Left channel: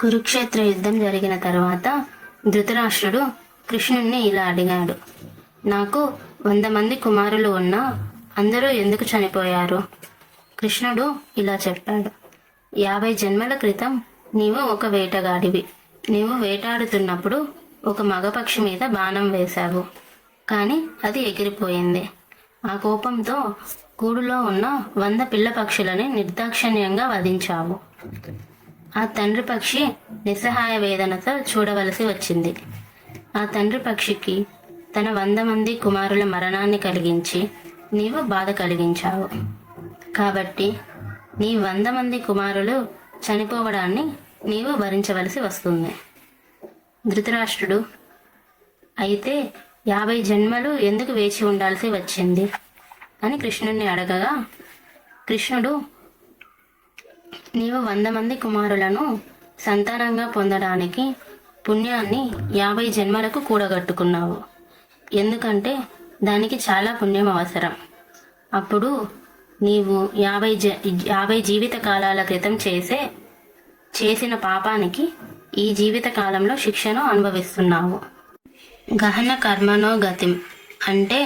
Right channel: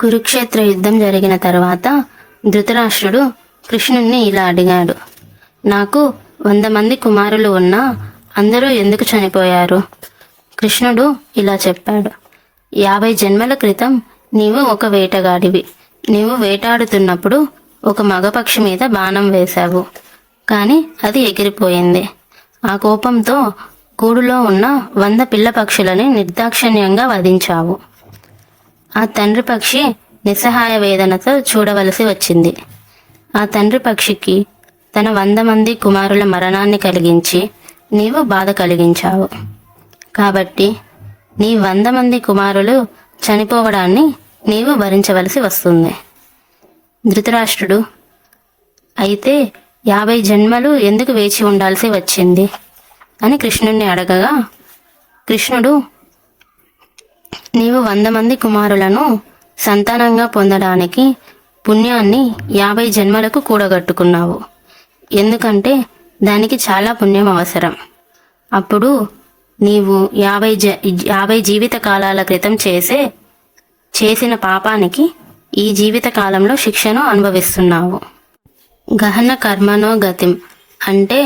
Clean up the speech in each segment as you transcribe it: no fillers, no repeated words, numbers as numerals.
కురుక్షేత్ర యుద్ధం జరిగిన తర్వాత ధృతరాష్ట్రుడు కృష్ణుణ్ణి ఇలా అడిగాడు. నాకు 100 మంది కుమారులు ఉన్నా అందరూ ఎందుకు చనిపోయారు? కృష్ణుడు ఇలా చెప్పాడు. 50 జన్మల క్రితం నీవు ఒక వేటగాడివి. నీవు వేటాడుతున్నప్పుడు ఒక మగపక్షి మీద బాణం వేశావు, కానీ అది ఎగిరిపోయింది. ఆ కోపంతో గూడులో ఉన్న 100 పిల్ల పక్షులని నిర్దాక్షిణ్యంగా వధించావు. ఆ తండ్రి పక్షి నిస్సహాయ వేదనతో చూడవలసి వచ్చింది. ఆ తండ్రి పక్షికి తన 100 మంది కుమారుల మరణాన్ని కలిగించి నీవు బాధ కలిగించావు. కాబట్టి నీ 100 మంది కుమారులు చనిపోవడాన్ని నీవు భరించవలసి వస్తుంది. ధృతరాష్ట్రుడు, అయితే 50 జన్మలు ఎందుకు వేచి ఉండాల్సి వచ్చింది అని కృష్ణుణ్ణి అడగగా, కృష్ణుడు, నీవు 100 మంది కుమారులను సంతానంగా పొందడానికి పుణ్యాన్ని 50 జన్మలకు కూడగట్టుకున్నావు. ఎందుకంటే దానికి చాలా పుణ్యం అవసరం. అప్పుడు నీవు 50 జీవిత కాలాల క్రితం చేసిన పాపానికి ఈ జీవిత కాలంలో శిక్షను అనుభవిస్తున్నావు. గహన కర్మనో గతిం అంటే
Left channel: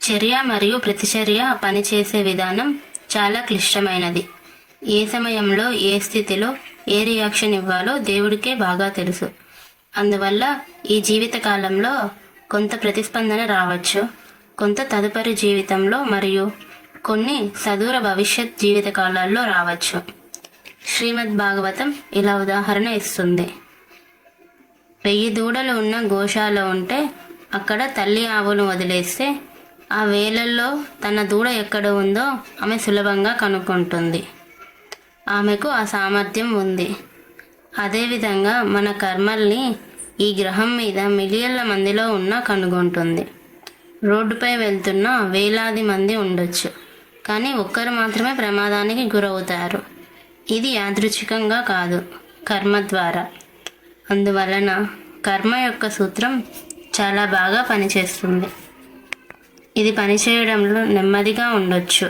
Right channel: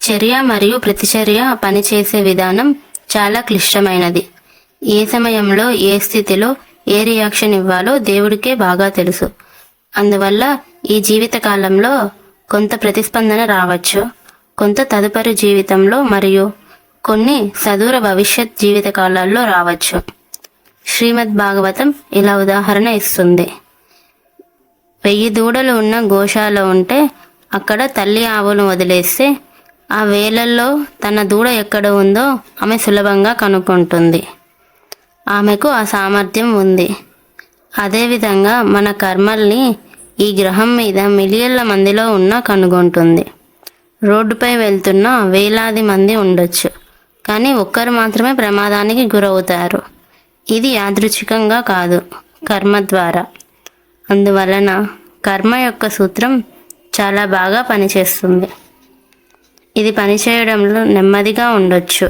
చర్య మరియు ప్రతిచర్య పనిచేసే విధానం చాలా క్లిష్టమైనది. ఏ సమయంలో ఏ స్థితిలో ఏ రియాక్షన్ ఇవ్వాలో దేవుడికే బాగా తెలుసు. అందువల్ల ఈ జీవిత కాలంలో కొంత ప్రతిస్పందన రావచ్చు, కొంత తదుపరి జీవితంలో మరియు కొన్ని సదూర భవిష్యత్ జీవిత కాలాల్లో రావచ్చు. శ్రీమద్ భాగవతం ఇలా ఉదాహరణ ఇస్తుంది. 1000 దూడలు ఉన్న గోశాల ఉంటే అక్కడ తల్లి ఆవును వదిలేస్తే ఆ వేలల్లో తన దూడ ఎక్కడ ఉందో ఆమె సులభంగా కనుక్కుంటుంది. ఆమెకు ఆ సామర్థ్యం ఉంది. అదేవిధంగా మన కర్మల్ని ఈ గ్రహం మీద మిలియన్ల మందిలో ఉన్నా కనుగొంటుంది. రోడ్డుపై వెళ్తున్న వేలాది మంది ఉండొచ్చు, కానీ ఒక్కరు మాత్రమే ప్రమాదానికి గురవుతారు. ఇది యాదృచ్ఛికంగా కాదు, కర్మ ద్వారా. అందువలన కర్మ యొక్క సూత్రం చాలా బాగా పనిచేస్తుంది. ఇది పనిచేయడంలో నెమ్మదిగా ఉండొచ్చు,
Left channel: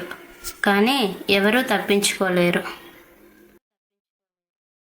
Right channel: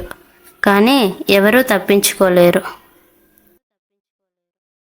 కానీ ఎవరూ తప్పించుకోలేరు.